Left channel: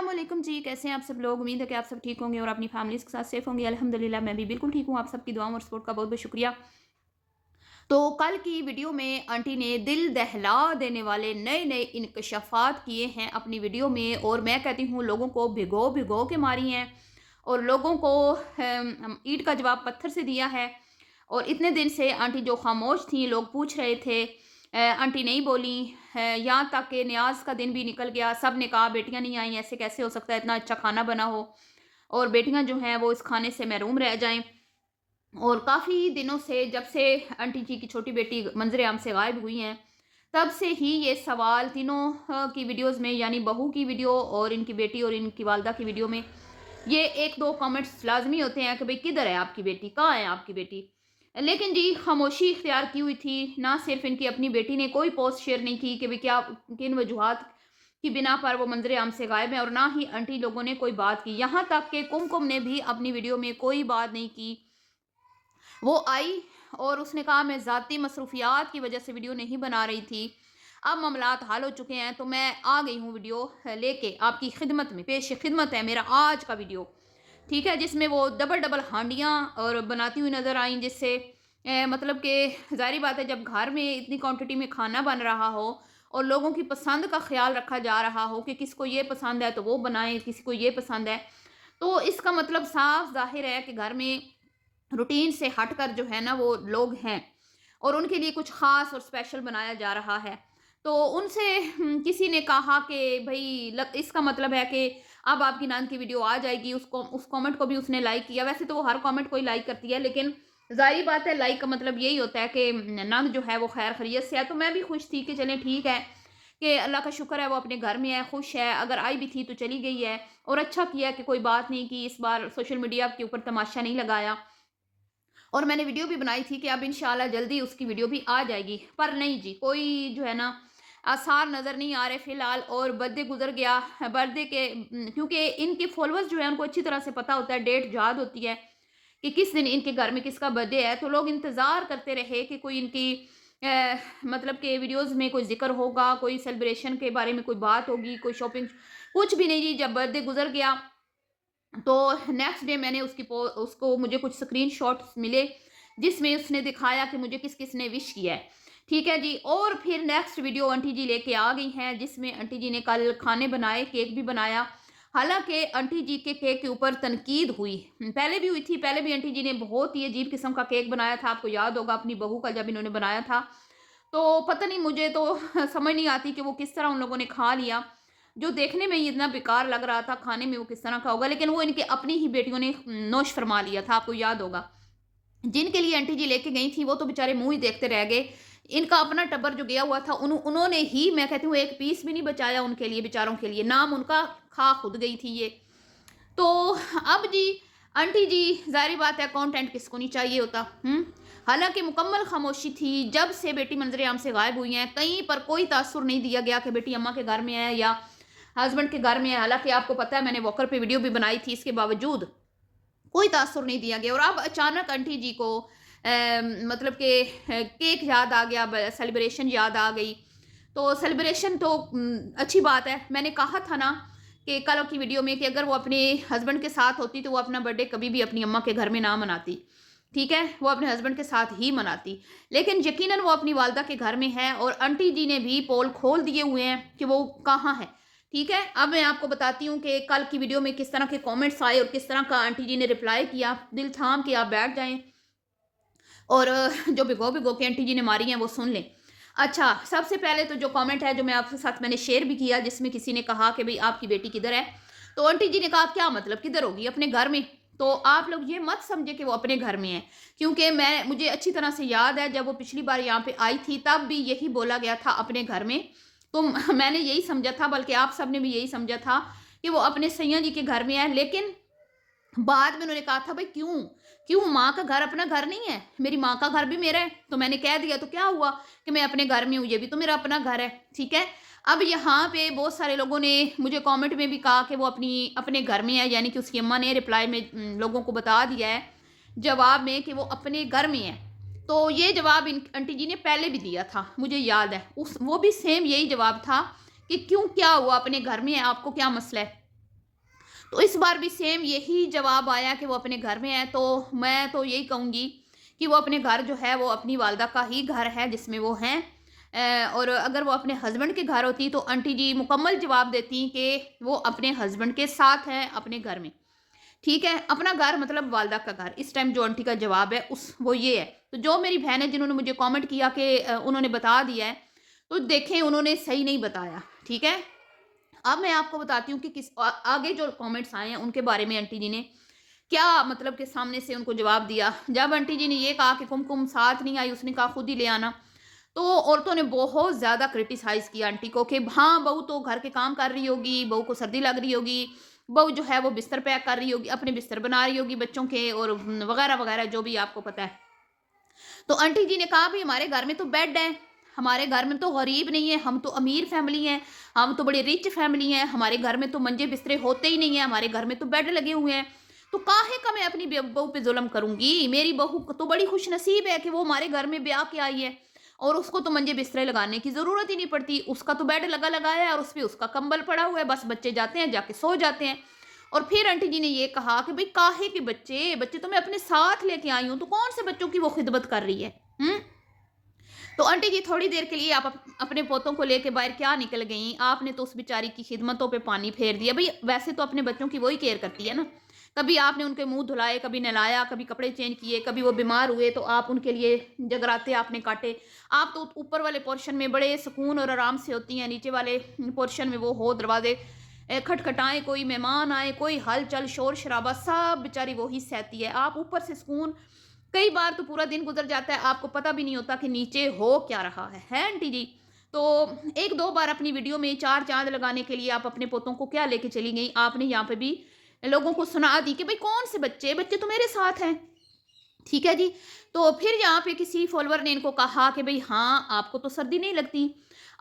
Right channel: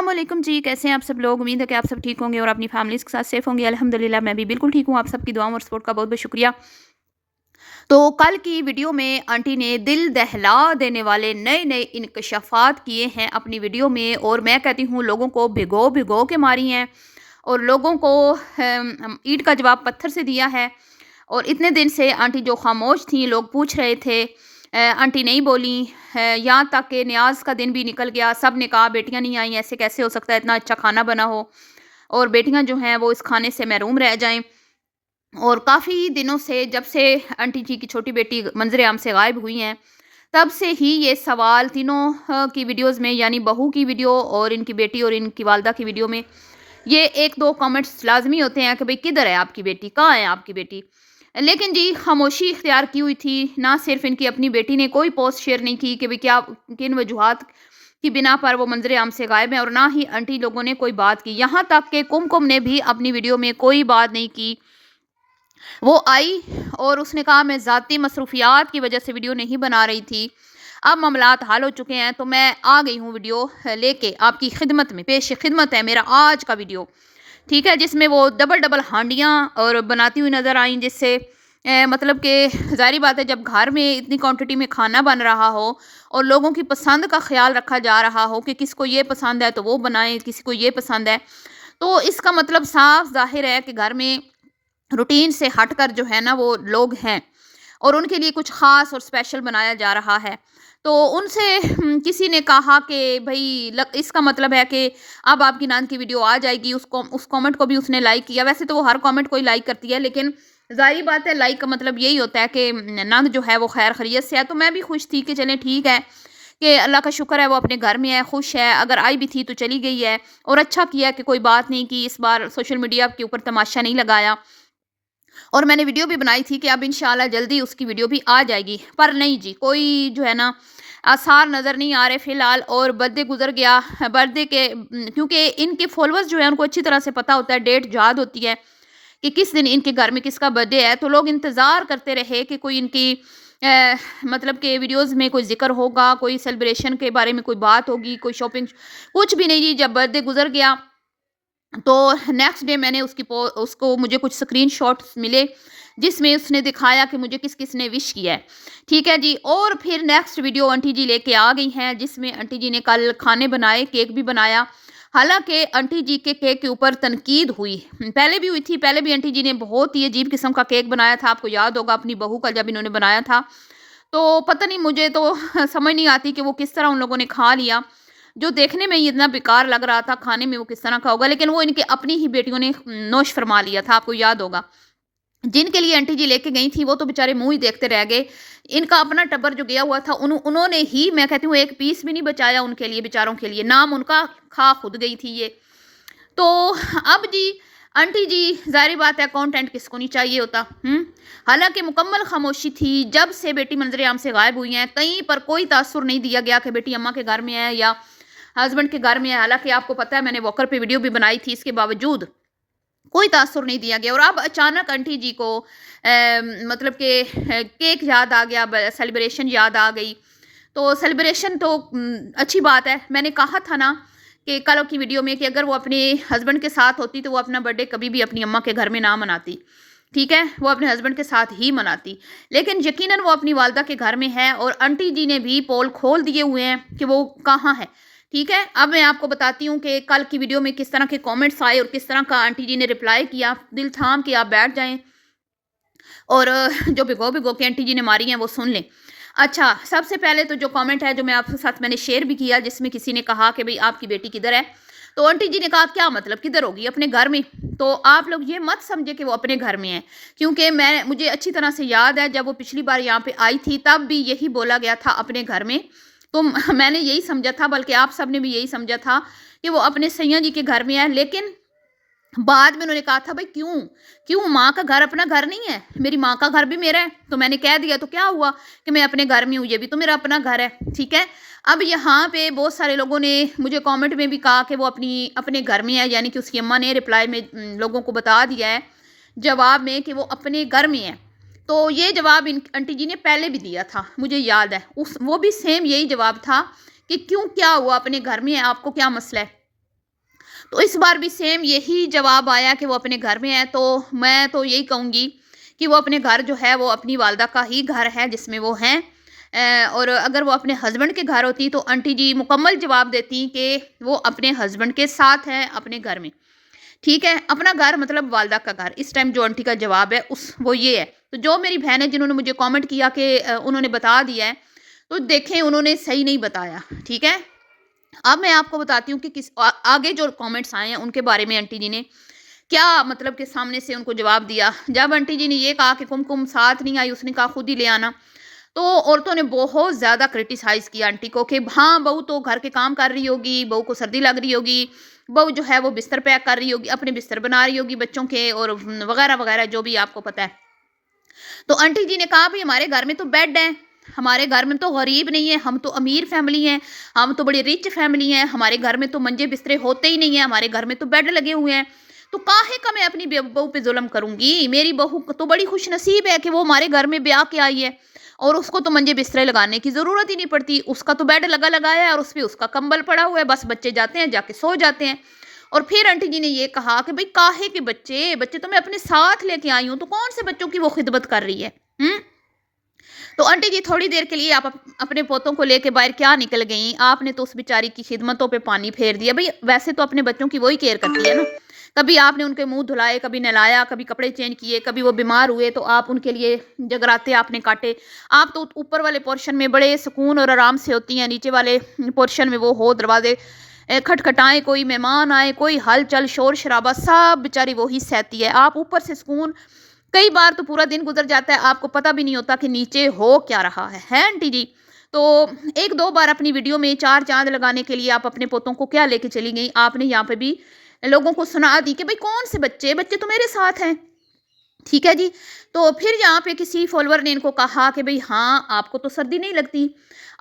अस्सलामुअलैकुम जी, कैसे हैं आप सब लोग। उम्मीद है कि आप सब ठीक होंगे और अपनी फैमिलीज़ के साथ सेफ होंगे। अल्हम्दुलिल्लाह मैं भी बिल्कुल ठीक हूँ। आप सबकी दुआओं और सपोर्ट का बहुत-बहुत शुक्रिया। तो कल की वीडियो में आंटी ने दिल दहला देने वाले नए-नए इंकशाफ़ात किए हैं अपनी वीडियो में, और मैं कहती हूँ लोगों को भिगो-भिगो के मारी हैं और लोगों को ईंट का जवाब पत्थर से दिया है। और इतने दिन से आंटी जो खामोश थी, लोग पूछ रहे थे, आंटी नहीं बोली। यहाँ तक कि न्याज़ का दिन भी निकल गया, सब ने कहा बेटियाँ नहीं आई, ऐसे कैसे हो सकता है, इतना अच्छा खाना बना हो और बेटियाँ जो हैं वो इस खाने से महरूम रह जाएँ। और काफ़ी दिनों से, जब से आंटी जी की छोटी बेटी मंज़र-ए-आम से गायब हुई हैं, तब से ही ये सवाल तीनों की वीडियोज़ में, यानी बहू की वीडियो और इनकी बेटी और इनकी वालदा की वीडियो में, ये 1-2 कमेंट्स लाज़मी होते हैं कि भई किधर है आपकी बेटी? कहाँ है आपकी बेटी? लेकिन जी खामोशी इख्तियार की हुई थी। ना सिर्फ़ इनकी अपनी बेटी ने कोई पोस्ट शेयर नहीं की कि भई क्या किन वजूहात की बिना पर वो मंज़र-ए-आम से गायब हैं, और ना ही आंटी लोगों ने कोई बात की। यहाँ तक कि कुमकुम ने भी अपनी वीडियो में कोई बात नहीं की। वो आई और उसने कहा मैं ज़ाती मसरूफ़ियात की वज़ह से वीडियो नहीं बना रही थी। अब मामलात हल हो चुके हैं तो मैं आ गई हूँ वीडियो लेके आपकी खिदमत में। पेश खिदमत है मेरा आज का वीडियो, ठीक है? जिसमें वो डबल-डबल हांडियाँ और बनाती हुई नज़र आईं, जिससे मतलब कि ज़ाहिर-सी बात है, जब घर में इतनी क्वांटिटी में खाना बन रहा हो और लोगों की पसंद का ख़्याल रखा जा रहा हो कि किसको ये पसंद है तो वो बनाएँ, किसी को ये पसंद है, तो इसका मतलब साफ़ ज़ाहिर है कि घर में रूटीन से हटकर जो है ना वो लोग हैं और उनके लिए कुछ ख़ास और स्पेशल बनाया जा रहा है। तो उनसे किसी ने कहा कि भई इसका मतलब है कि अब आपकी नंद की वीडियो आ जाएगी। उस कमेंट को भी उसने लाइक किया। वैसे तो वो हर कमेंट को ही लाइक करती है, लेकिन ज़ाहिर बात है लाइक का मतलब यही होता है कि नंद जो है वो खैर खैरियत से है। तो मैं भी खुश थी कि चलें ठीक है, कि अल्लाह का शुक्र है वो अपने घर में है, खुश है। अगर आई भी थी तो चली गई है, और अच्छा किया कि कोई बात नहीं की, इस बार सोशल मीडिया के ऊपर तमाशा नहीं लगाया। और मैंने वीडियो भी बनाई थी कि अब इंशाल्लाह जल्दी उसकी वीडियो भी आ जाएगी। पर नहीं जी, कोई जो है ना आसार नज़र नहीं आ रहे फ़िलहाल। और बर्थडे गुज़र गया। बर्थडे के क्योंकि इनके फ़ॉलोअर्स जो है उनको अच्छी तरह से पता होता है, डेट याद होती है कि किस दिन इनके घर में किसका बर्थडे है। तो लोग इंतज़ार करते रहे कि कोई इनकी मतलब कि वीडियोज़ में कोई ज़िक्र होगा, कोई सेलिब्रेशन के बारे में कोई बात होगी, कोई शॉपिंग, कुछ भी नहीं जी। जब बर्थडे गुज़र गया तो नेक्स्ट डे मैंने उसको मुझे कुछ स्क्रीनशॉट्स मिले, जिसमें उसने दिखाया कि मुझे किस-किस ने विश किया है। ठीक है जी। और फिर नेक्स्ट वीडियो आंटी जी लेके आ गई हैं, जिसमें आंटी जी ने कल खाने बनाए, केक भी बनाया। हालाँकि आंटी जी के केक के ऊपर तनकीद हुई। पहले भी हुई थी, पहले भी आंटी जी ने बहुत ही अजीब किस्म का केक बनाया था, आपको याद होगा अपनी बहू का जब इन्होंने बनाया था। तो पता नहीं, मुझे तो समझ नहीं आती कि वो किस तरह उन लोगों ने खा लिया। जो देखने में ही इतना बेकार लग रहा था, खाने में वो किस तरह का होगा, लेकिन वो इनकी अपनी ही बेटियों ने नोश फरमा लिया था, आपको याद होगा। जिनके लिए आंटी जी लेके गई थी, वो तो बेचारे मुँह ही देखते रह गए। इनका अपना टब्बर जो गया हुआ था, उन्होंने ही, मैं कहती हूँ, एक पीस भी नहीं बचाया उनके लिए, बेचारों के लिए। नाम उनका खा खुद गई थी ये। तो अब जी आंटी जी, ज़ाहिर बात है कंटेंट किसको नहीं चाहिए होता। हालाँकि मुकम्मल खामोशी थी जब से बेटी मंज़र-ए-आम से गायब हुई हैं। कहीं पर कोई तासुर नहीं दिया गया कि बेटी अम्मा के घर में है या हस्बैंड के घर में है। हालाँकि आपको पता है मैंने वॉकर पे वीडियो भी बनाई थी, इसके बावजूद कोई तासुर नहीं दिया गया। और अब अचानक आंटी जी को मतलब कि केक याद आ गया, सेलिब्रेशन याद आ गई। तो सेलिब्रेशन तो अच्छी बात है। मैंने कहा था ना कि कल की वीडियो में कि अगर वो अपने हस्बैंड के साथ होती तो वो अपना बर्थडे कभी भी अपनी अम्मा के घर में ना मनाती। ठीक है, वो अपने हस्बैंड के साथ ही मनाती। लेकिन यकीनन वो अपनी वालदा के घर में है और आंटी जी ने भी पोल खोल दिए हुए हैं कि वो कहाँ है। ठीक है, अब मैं आपको बताती हूँ कि कल की वीडियो में किस तरह के कमेंट्स आए और किस तरह का आंटी जी ने रिप्लाई किया। दिल थाम के आप बैठ जाएँ और जो भिगो-भिगो के आंटी जी ने मारी हैं वो सुन लें। अच्छा, सबसे पहले तो जो कमेंट है जो मैं आपके साथ मैंने शेयर भी किया, जिसमें किसी ने कहा कि भई आपकी बेटी किधर है? तो आंटी जी ने कहा क्या मतलब किधर होगी? अपने घर में। तो आप लोग ये मत समझिए कि वो अपने घर में है, क्योंकि मुझे अच्छी तरह से याद है जब वो पिछली बार यहाँ पे आई थी तब भी यही बोला गया था अपने घर में। तो मैंने यही समझा था, बल्कि आप सबने भी यही समझा था कि वो अपने सैया जी के घर में है। लेकिन बाद में उन्होंने कहा था भाई क्यों? क्यों माँ का घर अपना घर नहीं है? मेरी माँ का घर भी मेरा है। तो मैंने कह दिया तो क्या हुआ कि मैं अपने घर में हूँ, ये भी तो मेरा अपना घर है, ठीक है? अब यहाँ पे बहुत सारे लोगों ने मुझे कमेंट में भी कहा कि वो अपने घर में है, यानी कि उसकी अम्मा ने रिप्लाई में लोगों को बता दिया है जवाब में कि वो अपने घर में है। तो ये जवाब इन आंटी जी ने पहले भी दिया था, मुझे याद है। वो भी सेम यही जवाब था कि क्यों, क्या हुआ, अपने घर में है, आपको क्या मसला है? तो इस बार भी सेम यही जवाब आया कि वो अपने घर में है। तो मैं तो यही कहूँगी कि वो अपने घर जो है वो अपनी वालदा का ही घर है जिसमें वो हैं। और अगर वो अपने हस्बैंड के घर होती तो आंटी जी मुकम्मल जवाब देती कि वो अपने हस्बैंड के साथ हैं अपने घर में। ठीक है? अपना घर मतलब वालदा का घर। इस टाइम जो आंटी का जवाब है उस वो ये है। तो जो मेरी बहन है जिन्होंने मुझे कमेंट किया कि उन्होंने बता दिया है, तो देखें उन्होंने सही नहीं बताया। ठीक है? अब मैं आपको बताती हूँ कि आगे जो कमेंट्स आए हैं उनके बारे में आंटी जी ने क्या मतलब के सामने से उनको जवाब दिया। जब आंटी जी ने ये कहा कि कुमकुम साथ नहीं आई, उसने कहा खुद ही ले आना। तो औरतों ने बहुत ज़्यादा क्रिटिसाइज़ किया आंटी को कि हाँ, बहू तो घर के काम कर रही होगी, बहू को सर्दी लग रही होगी, बहू जो है वो बिस्तर पैक कर रही होगी, अपने बिस्तर बना रही होगी बच्चों के और वगैरह-वगैरह जो भी आपको पता है। तो आंटी जी ने कहा भई हमारे घर में तो बेड है, हमारे घर में तो गरीब नहीं है, हम तो अमीर फैमिली हैं, हम तो बड़ी रिच फैमिली हैं, हमारे घर में तो मंजे-बिस्तरे होते ही नहीं हैं, हमारे घर में तो बेड लगे हुए हैं। तो काहे का मैं अपनी बहू पे ज़ुल्म करूँगी? मेरी बहू तो बड़ी खुशनसीब है कि वो हमारे घर में ब्याह के आई है और उसको तो मंजे-बिस्तरे लगाने की ज़रूरत ही नहीं पड़ती। उसका तो बेड लगा-लगाया है और उसपे उसका कंबल पड़ा हुआ है, बस बच्चे जाते हैं, जाके सो जाते हैं। और फिर आंटी जी ने ये कहा कि भई काहे के बच्चे? बच्चे तो मैं अपने साथ लेके आई हूँ, तो कौन से बच्चों की वो खिदमत कर रही है? हुँ? तो आंटी जी थोड़ी देर के लिए आप अपने पोतों को लेके बाहर क्या निकल गईं? आपने तो उस बेचारी की खिदमतों पे पानी फेर दिया। भई वैसे तो अपने बच्चों की वो ही केयर करती है ना। कभी आपने उनके मुँह धुलाए, कभी नहलाया, कभी कपड़े चेंज किए, कभी वो बीमार हुए तो आप उनके लिए जगराते आपने काटे। आप तो ऊपर वाले पोर्शन में बड़े सुकून और आराम से होती हैं, नीचे वाले पोर्शन में वो हो दरवाज़े खटखटाएँ, कोई मेहमान आए, कोई हलचल, शोर-शराबा सब बेचारी वो ही सहती है। आप ऊपर से सुकून कई बार तो पूरा दिन गुज़र जाता है, आपको पता भी नहीं होता कि नीचे हो क्या रहा है आंटी जी? तो 1-2 बार अपनी वीडियो में 4 चाँद लगाने के लिए आप अपने पोतों को क्या लेके चली गईं? आपने यहाँ पे भी लोगों को सुना दी कि भई कौन से बच्चे? बच्चे तो मेरे साथ हैं। ठीक है जी। तो फिर यहाँ पे किसी फ़ॉलोवर ने इनको कहा कि भई हाँ, आपको तो सर्दी नहीं लगती।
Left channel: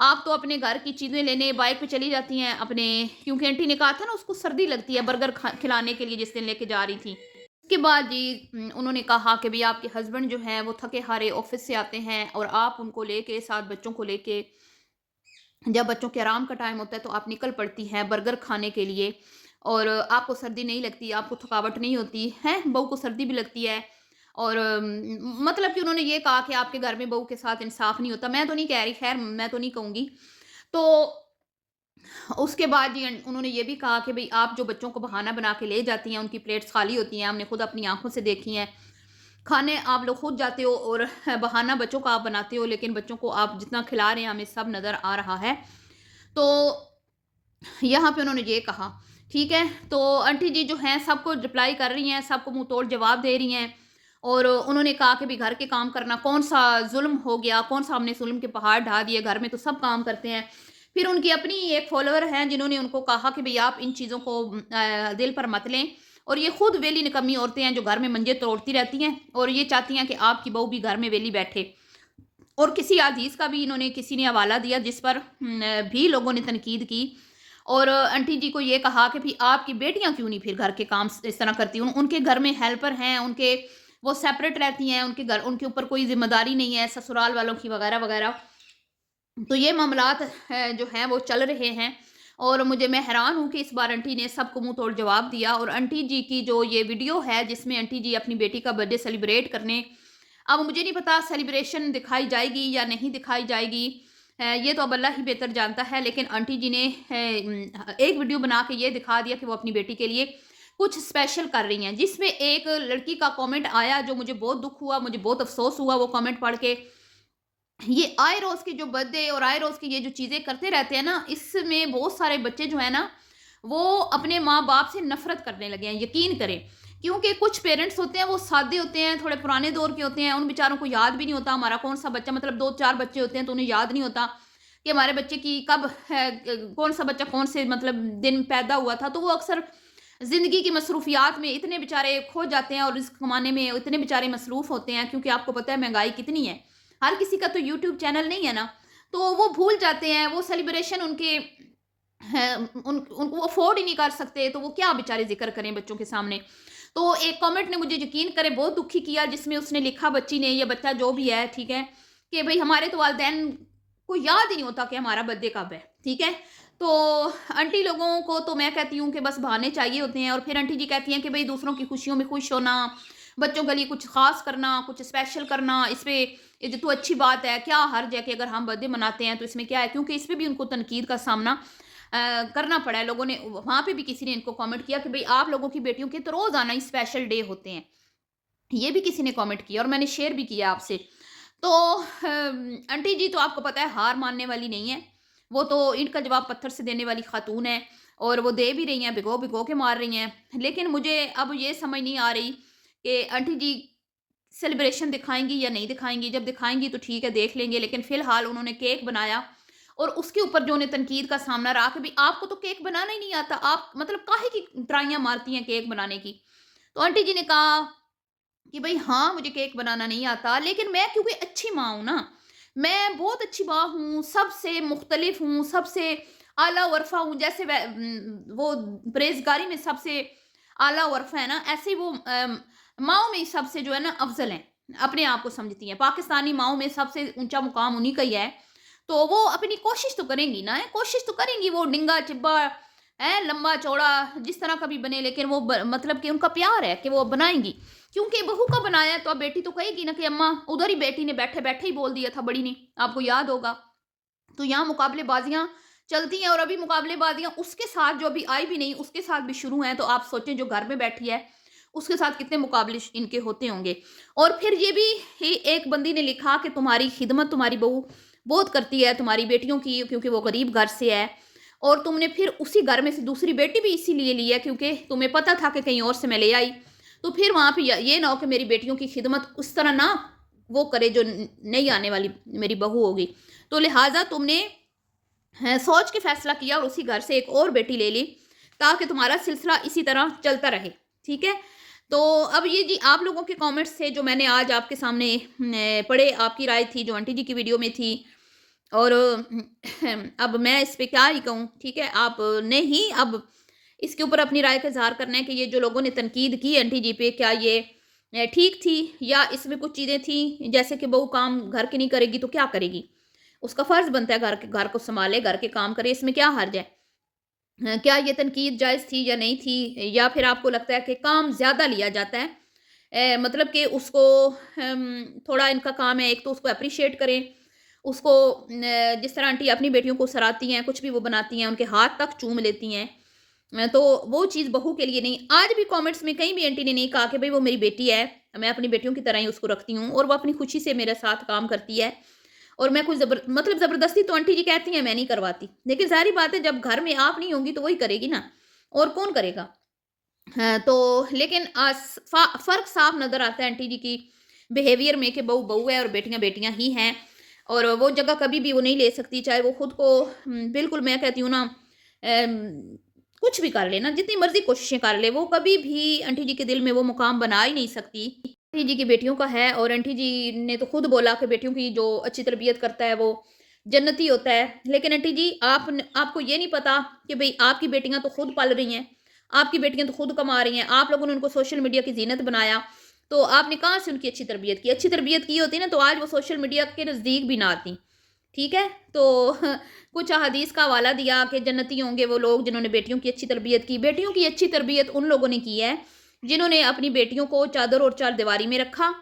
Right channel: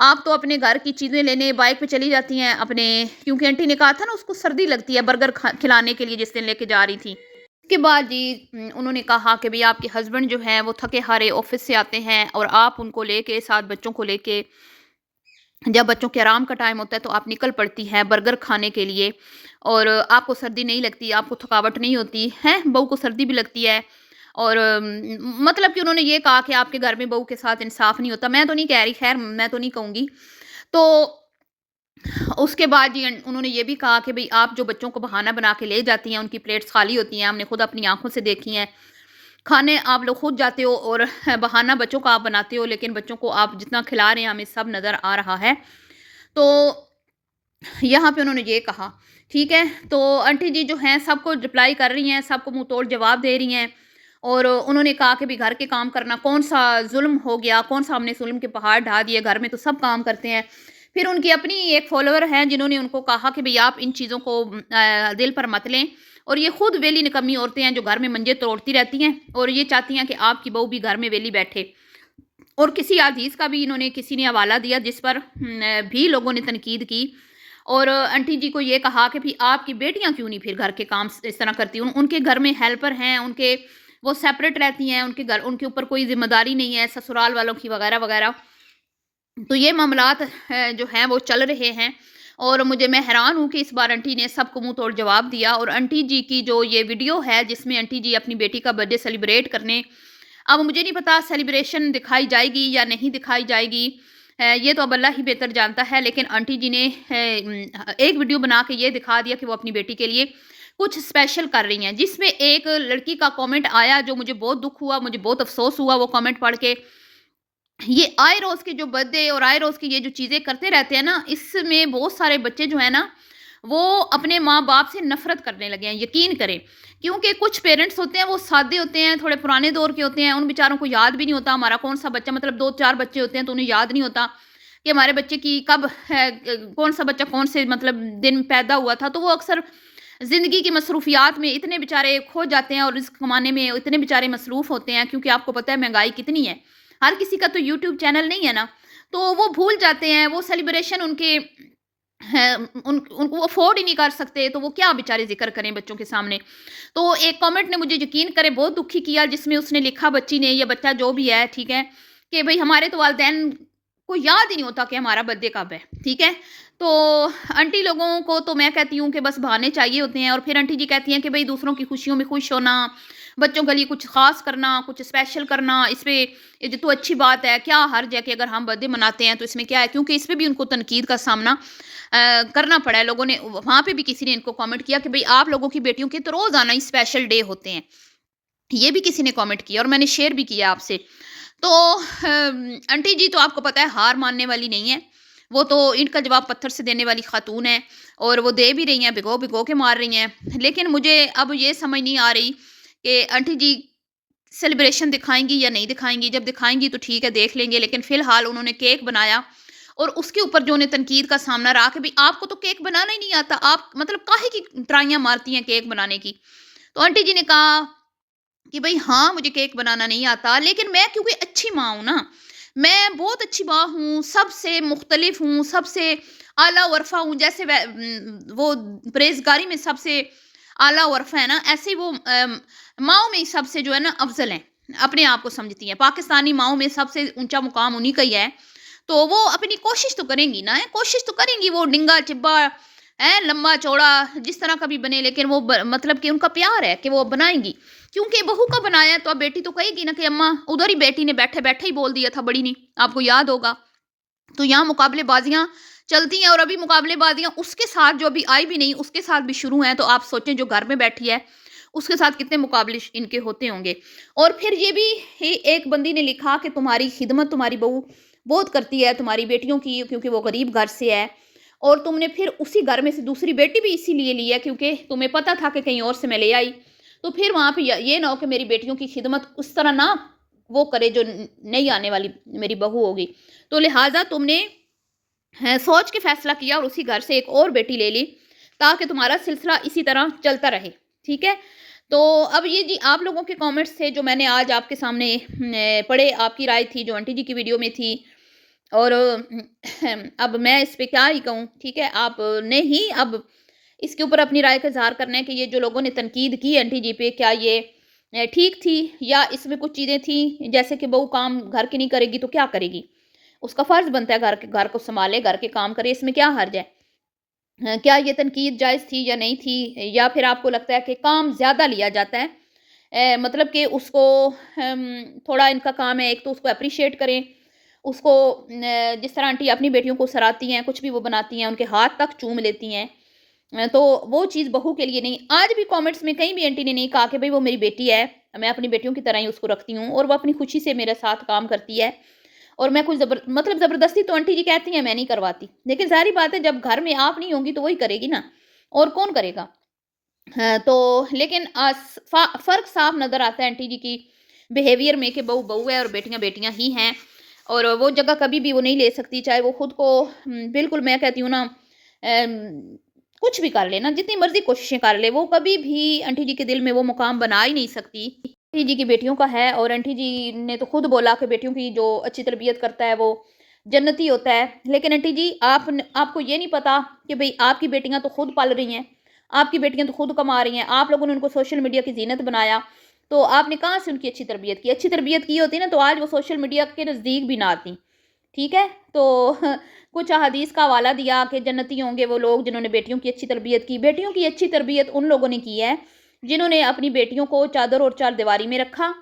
आप तो अपने घर की चीज़ें लेने बाइक पे चली जाती हैं अपने क्योंकि आंटी ने कहा था ना उसको सर्दी लगती है बर्गर खिलाने के लिए जिस दिन लेके जा रही थी। उसके बाद जी उन्होंने कहा कि भई आपके हस्बैंड जो हैं वो थके-हारे ऑफ़िस से आते हैं और आप उनको लेके साथ बच्चों को लेके जब बच्चों के आराम का टाइम होता है तो आप निकल पड़ती हैं बर्गर खाने के लिए और आपको सर्दी नहीं लगती, आपको थकावट नहीं होती, हैं? बहू को सर्दी भी लगती है और मतलब कि उन्होंने ये कहा कि आपके घर में बहू के साथ इंसाफ़ नहीं होता। मैं तो नहीं कह रही, ख़ैर मैं तो नहीं कहूँगी। तो उसके बाद जी उन्होंने ये भी कहा कि भई आप जो बच्चों को बहाना बना के ले जाती हैं, उनकी प्लेट्स खाली होती हैं, हमने खुद अपनी आँखों से देखी हैं। खाने आप लोग खुद जाते हो और बहाना बच्चों का आप बनाते हो, लेकिन बच्चों को आप जितना खिला रहे हैं, हमें सब नज़र आ रहा है। तो यहाँ पे उन्होंने ये कहा, ठीक है? तो आंटी जी जो हैं सबको रिप्लाई कर रही हैं, सबको मुँह तोड़ जवाब दे रही हैं और उन्होंने कहा कि भई घर के काम करना कौन-सा ज़ुल्म हो गया, कौन-सा हमने ज़ुल्म के पहाड़ ढा दिए, घर में तो सब काम करते हैं। फिर उनकी अपनी एक फ़ॉलोवर हैं जिन्होंने उनको कहा कि भई आप इन चीज़ों को दिल पर मत लें और ये खुद वेली निकम्मी औरतें हैं जो घर में मंजे तोड़ती रहती हैं और ये चाहती हैं कि आपकी बहू भी घर में वेली बैठे। और किसी हदीस का भी इन्होंने किसी ने हवाला दिया जिस पर भी लोगों ने तनकीद की और आंटी जी को ये कहा कि भई आपकी बेटियाँ क्यों नहीं फिर घर के काम इस तरह करती? उनके घर में हेल्पर हैं, उनके वो सेपरेट रहती हैं, उनके ऊपर कोई ज़िम्मेदारी नहीं है ससुराल वालों की वगैरह-वगैरह। तो ये मामलात जो हैं वो चल रहे हैं और मैं हैरान हूँ कि इस बार आंटी ने सबको मुँह तोड़ जवाब दिया और आंटी जी की जो ये वीडियो है जिसमें आंटी जी अपनी बेटी का बर्थडे सेलिब्रेट करने अब मुझे नहीं पता सेलिब्रेशन दिखाई जाएगी या नहीं दिखाई जाएगी। ये तो अब अल्लाह ही बेहतर जानता है लेकिन आंटी जी ने एक वीडियो बना के ये दिखा दिया कि वो अपनी बेटी के लिए कुछ स्पेशल कर रही हैं जिसमें एक लड़की का कमेंट आया जो मुझे बहुत दुःख हुआ, मुझे बहुत अफ़सोस हुआ वो कमेंट पढ़ के। ये आए रोज़ की जो बर्थडे और आए रोज़ की ये जो चीज़ें करते रहते हैं ना, इसमें बहुत सारे बच्चे जो हैं ना, वो अपने माँ-बाप से नफ़रत करने लगे हैं, यकीन करें। क्योंकि कुछ पेरेंट्स होते हैं, वो सादे होते हैं, थोड़े पुराने दौर के होते हैं, उन बेचारों को याद भी नहीं होता हमारा कौन-सा बच्चा मतलब 2-4 बच्चे होते हैं, तो उन्हें याद नहीं होता कि हमारे बच्चे की कब है कौन-सा बच्चा कौन से मतलब दिन पैदा हुआ था। तो वो अक्सर ज़िंदगी की मसरूफ़ियात में इतने बेचारे खो जाते हैं और रिज़्क कमाने में इतने बेचारे मसरूफ़ होते हैं क्योंकि आपको पता है महँगाई कितनी है। हर किसी का तो यूट्यूब चैनल नहीं है ना, तो वो भूल जाते हैं, वो सेलिब्रेशन उनके हैं उनको वो अफ़ोर्ड ही नहीं कर सकते, तो वो क्या बेचारे ज़िक्र करें बच्चों के सामने। तो एक कमेंट ने मुझे यकीन करें बहुत दुखी किया जिसमें उसने लिखा बच्ची ने या बच्चा जो भी है, ठीक है? कि भई हमारे तो वालिदैन को याद ही नहीं होता कि हमारा बर्थडे कब है, ठीक है? तो आंटी लोगों को तो मैं कहती हूँ कि बस बहाने चाहिए होते हैं, और फिर आंटी जी कहती हैं कि भई दूसरों की खुशियों में खुश होना, बच्चों के लिए कुछ ख़ास करना, कुछ स्पेशल करना, इसमें ये जो तो अच्छी बात है, क्या हर्ज है कि अगर हम बर्थडे मनाते हैं तो इसमें क्या है? क्योंकि इसमें भी उनको तनकीद का सामना करना पड़ा है। लोगों ने वहाँ पे भी किसी ने इनको कमेंट किया कि भई आप लोगों की बेटियों के तो रोज़ाना ही स्पेशल डे होते हैं। ये भी किसी ने कमेंट किया और मैंने शेयर भी किया आपसे। तो आंटी जी तो आपको पता है हार मानने वाली नहीं है। वो तो ईंट का जवाब पत्थर से देने वाली खातून है, और वो दे भी रही हैं, भिगो-भिगो के मार रही हैं। लेकिन मुझे अब ये समझ नहीं आ रही कि आंटी जी सेलिब्रेशन दिखाएँगी या नहीं दिखाएँगी। जब दिखाएँगी तो ठीक है, देख लेंगे, लेकिन फ़िलहाल उन्होंने केक बनाया और उसके ऊपर जो उन्हें तनकीद का सामना रहा कि भई आपको तो केक बनाना ही नहीं आता, आप मतलब काहे की ट्राइयाँ मारती हैं केक बनाने की। तो आंटी जी ने कहा कि भई हाँ, मुझे केक बनाना नहीं आता, लेकिन मैं क्योंकि अच्छी माँ हूँ ना, मैं बहुत अच्छी माँ हूँ, सबसे मुख्तलिफ हूँ, सबसे आला वरफ़ा हूँ, जैसे वो परहेज़गारी में सबसे आला वरफ़ा है ना, ऐसे ही वो माँओं में ही सबसे जो है ना अफ़ज़ल हैं, अपने आप को समझती हैं। पाकिस्तानी माँओं में सबसे ऊँचा मुक़ाम उन्हीं का ही है, तो वो अपनी कोशिश तो करेंगी ना, कोशिश तो करेंगी, वो डिंगा-चिब्बा हैं, लंबा-चौड़ा जिस तरह का भी बने, लेकिन वो मतलब कि उनका प्यार है कि वो बनाएँगी। क्योंकि बहू का बनाया है तो अब बेटी तो कहेगी ना कि अम्मा, उधर ही बेटी ने बैठे-बैठे ही बोल दिया था बड़ी ने, आपको याद होगा। तो यहाँ मुकाबलेबाज़ियाँ चलती हैं, और अभी मुकाबलेबाज़ियाँ उसके साथ जो अभी आई भी नहीं, उसके साथ भी शुरू हैं, तो आप सोचें जो घर में बैठी है, उसके साथ कितने मुकाबले इनके होते होंगे। और फिर ये भी ही एक बंदी ने लिखा कि तुम्हारी खिदमत तुम्हारी बहू बहुत करती है, तुम्हारी बेटियों की, क्योंकि वो गरीब घर से है, और तुमने फिर उसी घर में से दूसरी बेटी भी इसीलिए ली है क्योंकि तुम्हें पता था कि कहीं और से मैं ले आई। तो फिर वहाँ पे ये ना हो कि मेरी बेटियों की खिदमत उस तरह ना वो करे जो नई आने वाली मेरी बहू होगी। तो लिहाजा तुमने सोच के फैसला किया और उसी घर से एक और बेटी ले ली, ताकि तुम्हारा सिलसिला इसी तरह चलता रहे, ठीक है? तो अब ये जी आप लोगों के कमेंट्स थे जो मैंने आज आपके सामने पढ़े, आपकी राय थी जो आंटी जी की वीडियो में थी, और अब मैं इस पे क्या ही कहूँ, ठीक है? आपने ही अब इसके ऊपर अपनी राय का इज़हार करना है कि ये जो लोगों ने तनकीद की आंटी जी पे, क्या ये ठीक थी, या इसमें कुछ चीज़ें थी, जैसे कि बहू काम घर की नहीं करेगी तो क्या करेगी? उसका फ़र्ज़ बनता है घर को सँभाले, घर के काम करे, इसमें क्या हर्ज है? क्या ये तनकीद जायज़ थी या नहीं थी? या फिर आपको लगता है कि काम ज़्यादा लिया जाता है? मतलब कि उसको थोड़ा इनका काम है, एक तो उसको एप्रिशिएट करें, उसको जिस तरह आंटी अपनी बेटियों को सराहती हैं, कुछ भी वो बनाती हैं, उनके हाथ तक चूम लेती हैं। तो वो चीज़ बहू के लिए नहीं। आज भी कमेंट्स में कहीं भी आंटी ने नहीं कहा कि भई वो मेरी बेटी है, मैं अपनी बेटियों की तरह ही उसको रखती हूँ, और वो अपनी खुशी से मेरे साथ काम करती है, और मैं कुछ मतलब ज़बरदस्ती तो आंटी जी कहती हैं मैं नहीं करवाती। लेकिन ज़ाहिर-सी बात है जब घर में आप नहीं होंगी तो वही करेगी ना, और कौन करेगा? हाँ, तो लेकिन फ़र्क साफ नज़र आता है आंटी जी की बिहेवियर में कि बहू बहू है और बेटियाँ बेटियाँ ही हैं, और वो जगह कभी भी वो नहीं ले सकती, चाहे वो खुद को बिल्कुल मैं कहती हूँ ना कुछ भी कर ले ना, जितनी मर्ज़ी कोशिशें कर ले, वो कभी भी आंटी जी के दिल में वो मुकाम बना ही नहीं सकती। आंटी जी की बेटियों का है, और आंटी जी ने तो खुद बोला कि बेटियों की जो अच्छी तरबियत करता है वो जन्नती होता है। लेकिन आंटी जी आपको ये नहीं पता कि भई आपकी बेटियाँ तो खुद पल रही हैं, आपकी बेटियाँ तो खुद कमा रही हैं, आप लोगों ने उनको सोशल मीडिया की ज़ीनत बनाया, तो आपने कहाँ से उनकी अच्छी तरबियत की? अच्छी तरबियत की होती ना तो आज वो सोशल मीडिया के नज़दीक भी ना आती, ठीक है? तो कुछ अहादीस का हवाला दिया कि जन्नती होंगे वो लोग जिन्होंने बेटियों की अच्छी तरबियत की। बेटियों की अच्छी तरबियत उन लोगों ने की है, जिन्होंने अपनी बेटियों को चादर और चारदीवारी में रखा,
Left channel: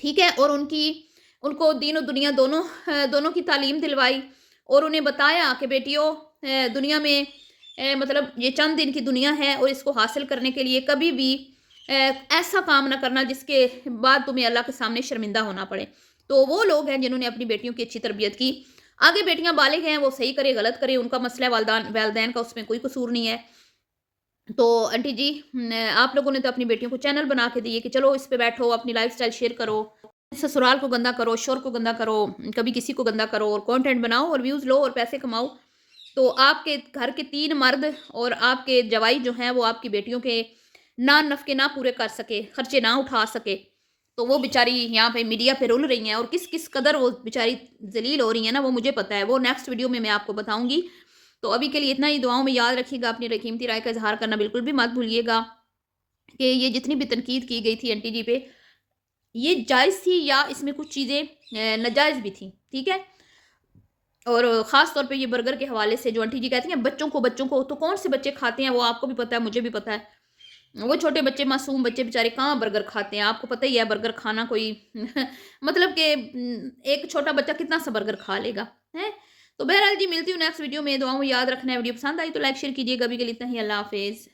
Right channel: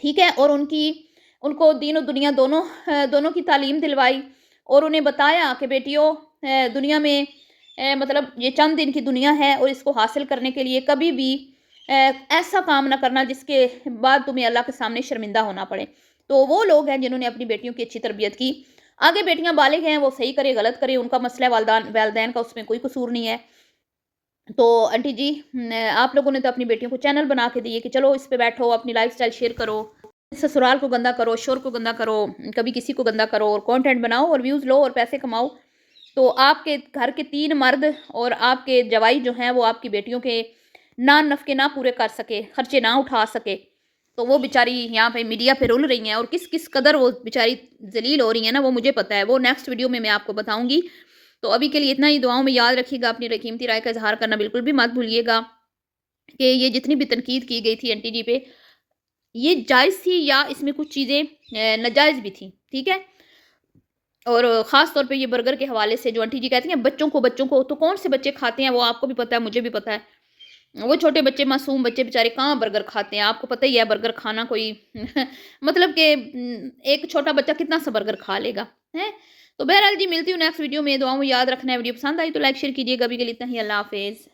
ठीक है? और उनको दीन और दुनिया दोनों की तालीम दिलवाई, और उन्हें बताया कि बेटियों दुनिया में मतलब ये चंद दिन की दुनिया है, और इसको हासिल करने के लिए कभी भी ऐसा काम ना करना जिसके बाद तुम्हें अल्लाह के सामने शर्मिंदा होना पड़े। तो वो लोग हैं जिन्होंने अपनी बेटियों की अच्छी तरबियत की। आगे बेटियाँ बालिग हैं, वो सही करे, गलत करे, उनका मसला है, वालिदैन का उसमें कोई कसूर नहीं है। तो आंटी जी आप लोगों ने तो अपनी बेटियों को चैनल बना के दिए कि चलो इस पे बैठो, अपनी लाइफ़स्टाइल शेयर करो, ससुराल को गंदा करो, शोहर को गंदा करो, कभी किसी को गंदा करो, और कंटेंट बनाओ और व्यूज़ लो और पैसे कमाओ। तो आपके घर के 3 मर्द और आपके जवाई जो हैं वो आपकी बेटियों के नान-नफ़के ना पूरे कर सके, खर्चे ना उठा सके, तो वो बेचारी यहाँ पे मीडिया पे रुल रही हैं, और किस कदर वो बेचारी ज़लील हो रही हैं ना, वो मुझे पता है। वो नेक्स्ट वीडियो में मैं आपको बताऊँगी। तो अभी के लिए इतना ही, दुआओं में याद रखिएगा, अपनी कीमती राय का इज़हार करना बिल्कुल भी मत भूलिएगा कि ये जितनी भी तनकीद की गई थी आंटी जी पे, ये जायज़ थी या इसमें कुछ चीज़ें नाजायज़ भी थी, ठीक है? और ख़ास तौर पे ये बर्गर के हवाले से जो आंटी जी कहती हैं बच्चों को तो कौन से बच्चे खाते हैं वो आपको भी पता है, मुझे भी पता है। वो छोटे बच्चे मासूम बच्चे बेचारे कहाँ बर्गर खाते हैं, आपको पता ही है बर्गर खाना कोई मतलब कि एक छोटा बच्चा कितना सा बर्गर खा लेगा, हैं? तो बहरहाल जी मिलती हूँ नेक्स्ट वीडियो में, दुआओं में याद रखना है। वीडियो पसंद आई तो लाइक शेयर कीजिएगा, अभी के लिए इतना ही, अल्लाह हाफ़िज़।